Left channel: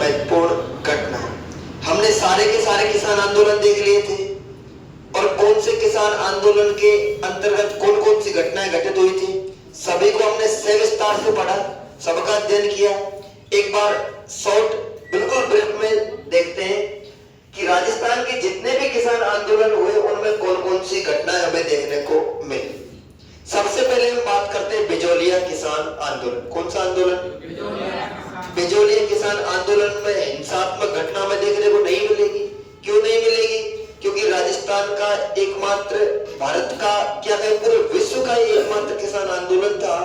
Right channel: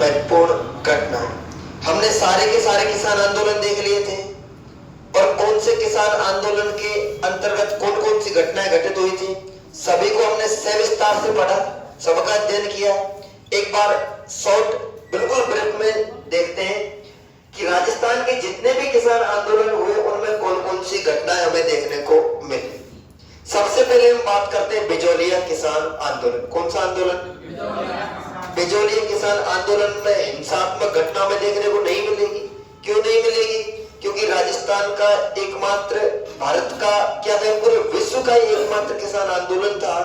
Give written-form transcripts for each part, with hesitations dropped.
महत्वपूर्ण घटना। हमने सारे के सारे किसान आंदोलन देख लिए थे और कौन से किसान आंदोलन के अंतर्गत कौन कौन सी घटनाएं घटित हुई थी सभी को हमने सविस्तार से पढ़ा, सबका अध्ययन किया। एक बार शॉर्ट बिल्कुल ब्रीफ में देखते हैं कि राजस्थान के जितने भी किसान आंदोलन हुए उनमें कौन कौन सी घटनाएं हमें देखने को मिली। सबसे पहले हम बात करते हैं बिजोलिया किसान आंदोलन। कौन सा आंदोलन? बिजोलिया किसान आंदोलन में हिंसात्मक घटना में देखने को नहीं मिलेगी। क्यों नहीं मिलेगी? क्योंकि राजस्थान का एकमात्र, भारत का क्या कहें, पूरे विश्व का एकमात्र किसान आंदोलन था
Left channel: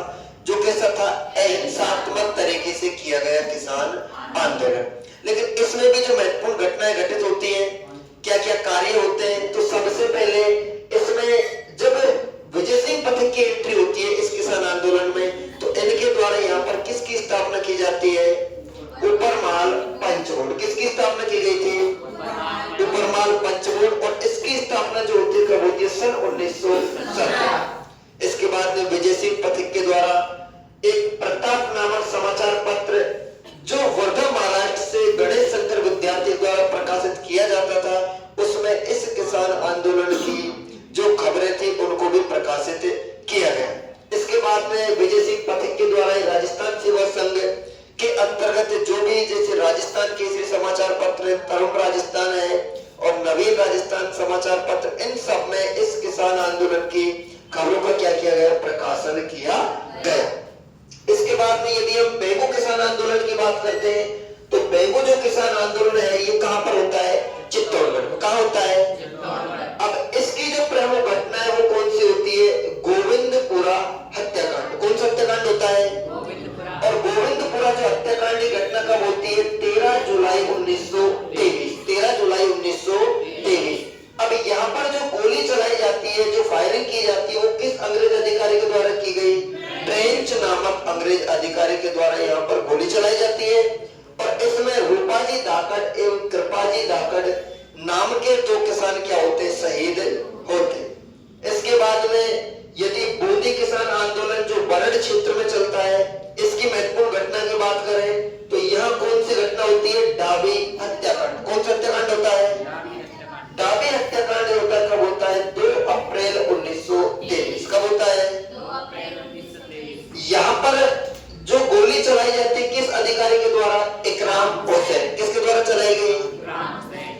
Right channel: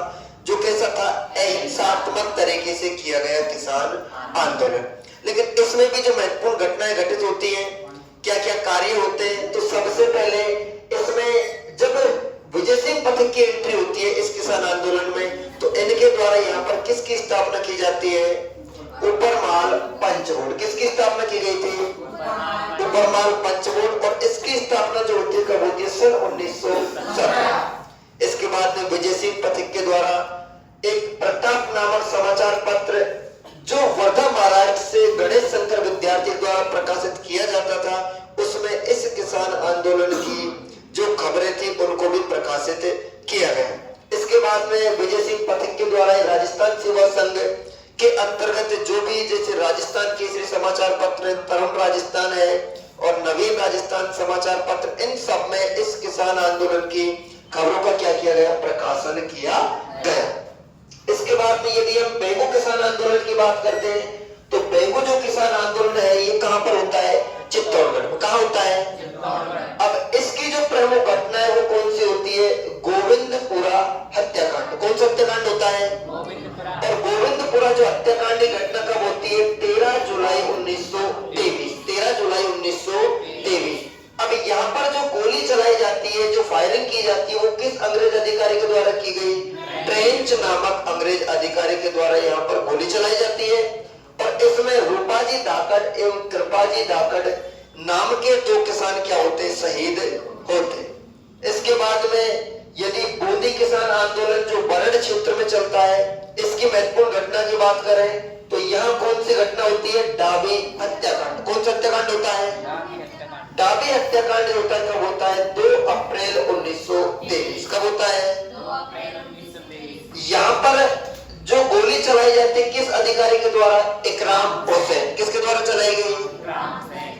जो कैसा था, अहिंसात्मक तरीके से किया गया किसान आंदोलन। लेकिन इसमें भी जो महत्वपूर्ण घटनाएं घटित होती हैं, क्या क्या कार्य होते हैं, तो सबसे पहले इसमें जब विजय सिंह पथिक की एंट्री होती है इस किसान आंदोलन में, तो इनके द्वारा यहाँ पर किसकी स्थापना की जाती है? ऊपरमाल पंचकोट। किसकी स्थापना की गई थी? ऊपरमाल पंचकोट। और इसकी स्थापना जो होती है कब होती है? सन 1917। इसके बाद में विजय सिंह पथिक के द्वारा एक प्रताप नामक समाचार पत्र जो वर्धा महाराष्ट्र से गणेश शंकर विद्यार्थी द्वारा प्रकाशित किया जाता था, उसमें इस किसान आंदोलन की जो खबरें थी उनको भी प्रकाशित किया गया। इसके बाद में विजय सिंह पथिक के द्वारा राजस्थान सेवा संघ के अंतर्गत जो भी, जैसे राजस्थान केसरी समाचार पत्र, तरुण राजस्थान है और नवीन राजस्थान समाचार पत्र, इन सब में इस किसान आंदोलन की खबरों का क्या किया गया? प्रकाशन किया गया। इसके बाद में यदि हम बेगू किसान आंदोलन की बात करते हैं तो बेगू जो किसान आंदोलन है ये कहां पर होता है? चित्तौड़गढ़ में। कहां होता है? अब इसकी जो प्रमुख घटना है वो कौन सी होती है? गोविंदपुरा हत्याकांड। कौन सा हत्याकांड होता है? और गोविंदपुरा जो हत्याकांड की घटना कब होती है? 13 जुलाई 1923। 13 जुलाई 1923। अब यहाँ पर जो गोली चलाई जाती है, जो फायरिंग की जाती है, वो किस अंग्रेज अधिकारी के द्वारा की गई? ट्रेंच नामक अंग्रेज अधिकारी के द्वारा यहाँ पर गोली चलाई जाती है। और इसमें रूपाजी धाकड़ एवं कृपाजी धाकड़ नाम के दो किसान क्या होते? शहीद होते। इसके बाद में यदि बूंदी किसान आंदोलन जो बरड़ क्षेत्र में चलता है, इसकी महत्वपूर्ण घटना की बात करें तो यहाँ कौन सी घटना होती है? डाबी हत्याकांड। कौन सा हत्याकांड होता है? डाबी हत्याकांड होता है। कब होता है? 2 अप्रैल 1923। कब होता है? 2 अप्रैल 1923। यहाँ पर जो गोली चलाई जाती है किस अधिकारी के द्वारा? इकराम हुसैन। किसके द्वारा चलाई गई?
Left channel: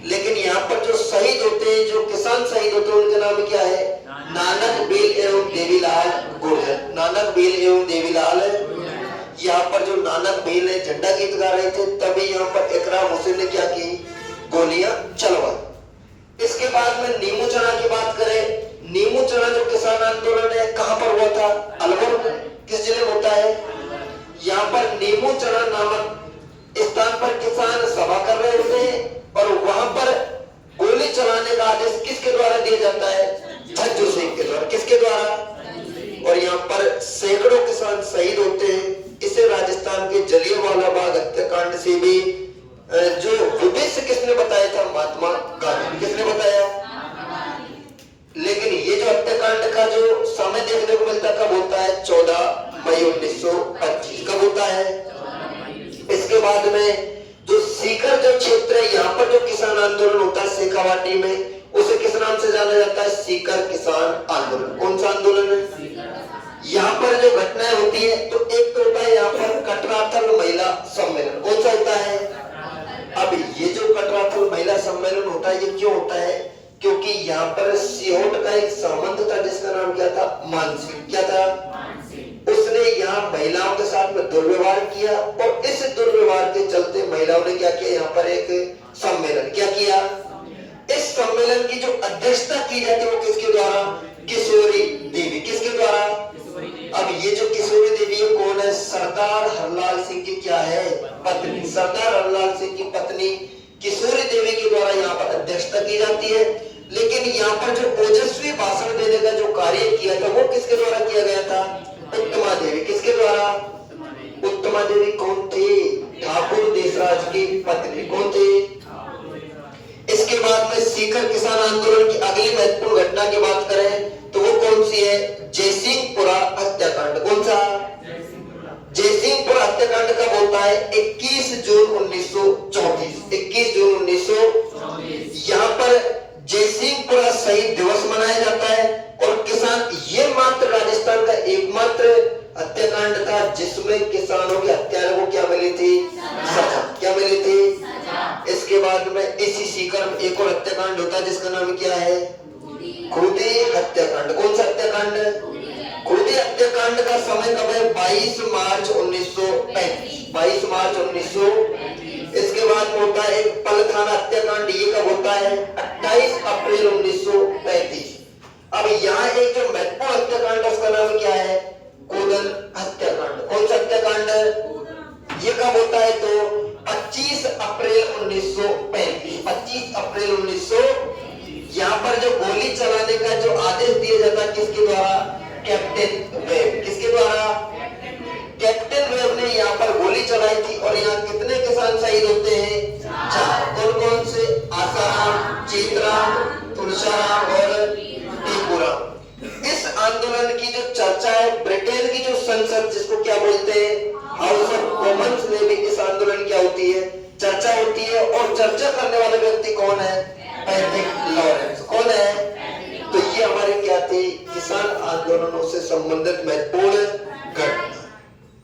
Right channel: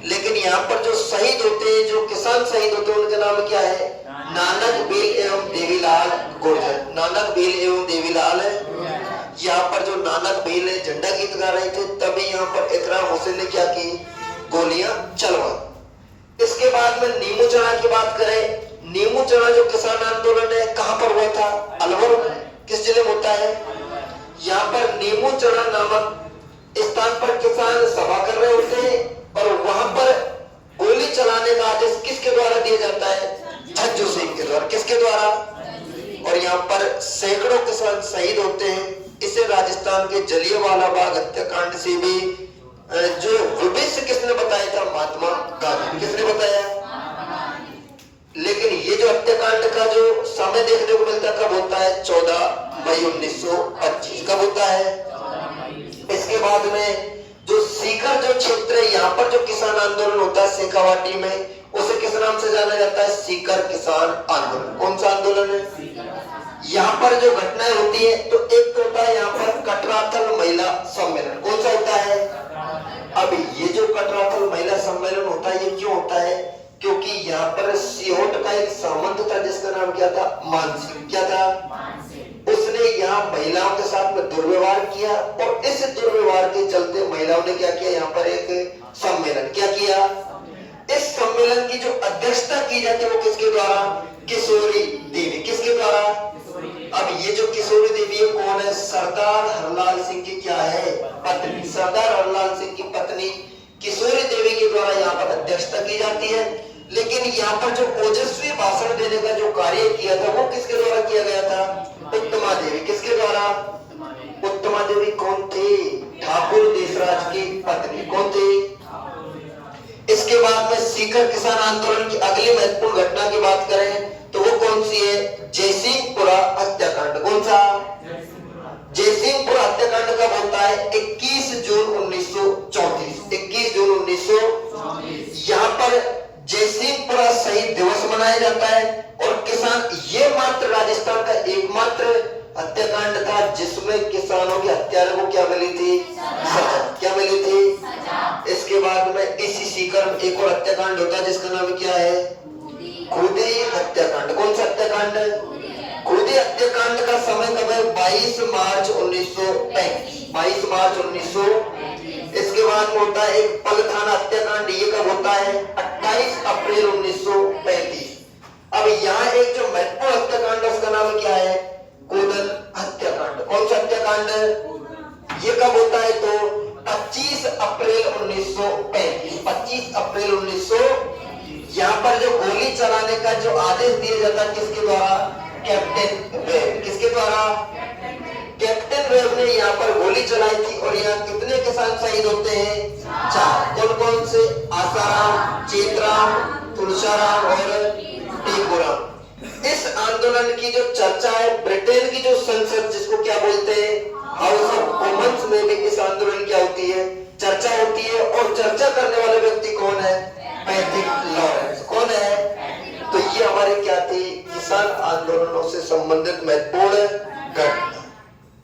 लेकिन यहाँ पर जो शहीद होते हैं, जो किसान शहीद होते हैं, उनका नाम क्या है? नानक बेल एवं देवीलाल गुर्जर। नानक बेल एवं देवीलाल है। यहाँ पर जो नानक बेल है झंडा गीत गा रहे थे, तभी यहाँ पर इकराम हुसैन ने क्या की? गोलियां चलवा। इसके बाद में नीमू चढ़ा की बात करें, नीमू चढ़ा जो किसान आंदोलन है कहां पर हुआ था? अलवर में। किस जिले में होता है? यहाँ पर नीमू चढ़ा नामक स्थान पर किसान सभा कर रहे होते हैं और वहां पर गोली चलाने का आदेश किसके द्वारा दिया जाता है? झज्जू सिंह के द्वारा। किसके द्वारा? और यहाँ पर सैकड़ों किसान शहीद होते हैं। इसे राजस्थान के जलियांवाला बाग हत्याकांड से भी जो विभेद किसने बताया था? महात्मा गांधी। किसने बताया? लेकिन ये जो हत्याकांड का जो समय देखने को मिलता कब होता है? 14 मई 1925। कब होता है? इसके बाद में जो सीकर जो क्षेत्र है, यहाँ पर जो किसान आंदोलन होता है शेखावाटी में, उसे किस नाम से जाना जाता है? सीकर किसान आंदोलन। कौन सा आंदोलन है? यहाँ पर जो घटनाएं होती है तो एक तो होता है यहाँ पर कटराथल महिला सम्मेलन। कौन सा होता है? अब ये जो कटराथल महिला सम्मेलन होता है ये क्यों होता है? क्योंकि यहाँ पर सिहोट का एक सामंत था जिसका नाम क्या था? मानसिंह। क्या था? उसने यहाँ महिलाओं के साथ में दुर्व्यवहार किया और इस दुर्व्यवहार के चलते महिलाओं ने क्या किया? यहाँ पर एक सम्मेलन क्या किया? इस सम्मेलन की जो अध्यक्षता की जाती है वो किसके द्वारा? किशोरी देवी। किसके द्वारा? अब ये जो किशोरी देवी है कौन है? सरदार हरलाल सिंह की क्या है? पत्नी। सरदार हरलाल सिंह की पत्नी किशोरी देवी के द्वारा यहाँ पर अध्यक्षता की जाती है। लेकिन यहाँ पर जो ओजस्वी भाषण देने का जो कार्य किया था वो किसके द्वारा किया गया था? उत्तमा देवी। किसके द्वारा? उत्तमा देवी कौन थे? ठाकुर देशराज की पत्नी। कौन थे? इसके बाद में सीकर किसान आंदोलन की अगली महत्वपूर्ण घटना की बात करें तो वो कौन सी है? जयसिंहपुरा हत्याकांड। कौन सा? जयसिंहपुरा हत्याकांड कब होता है? 21 जून 1924। तरफ एक और हत्याकांड होता है जिसका नाम क्या है? खुदी हत्याकांड। कौन सा हत्याकांड? खुदी हत्याकांड का समय कब है? 22 मार्च 1935। 22 मार्च 1935। इसके बाद में होता है एक पलथाना हत्याकांड। ये कब होता है? 28 अप्रैल 1935। अब यहाँ एक जो महत्वपूर्ण हत्याकांड है उसका नाम क्या है? कोदल हत्याकांड। कौन सा हत्याकांड है? ये कब होता है? तो 25 अप्रैल 1935। 25 अप्रैल 1935। यहाँ पर जो गोली चलाने का जो आदेश दिया जाता है किसके द्वारा? Captain web. किसके द्वारा? कैप्टन वेब ने यहाँ पर गोली चलाई थी। और यहाँ कितने किसान शहीद होते हैं? 4। कौन कौन से? आसाराम, चेतराम, तुलसाराम और टीकूराम। इस आंदोलन की जो चर्चा है ब्रिटेन की जो संसद जिसको क्या बोलते हैं? हाउस ऑफ कॉमन्स में भी इस आंदोलन क्या होती है? चर्चा होती है। और चर्चा करने वाले व्यक्ति कौन है? Patrick Lawrence. कौन है? तो ये हमारे क्या थे? किसान आंदोलनों से संबंधित महत्वपूर्ण घटना।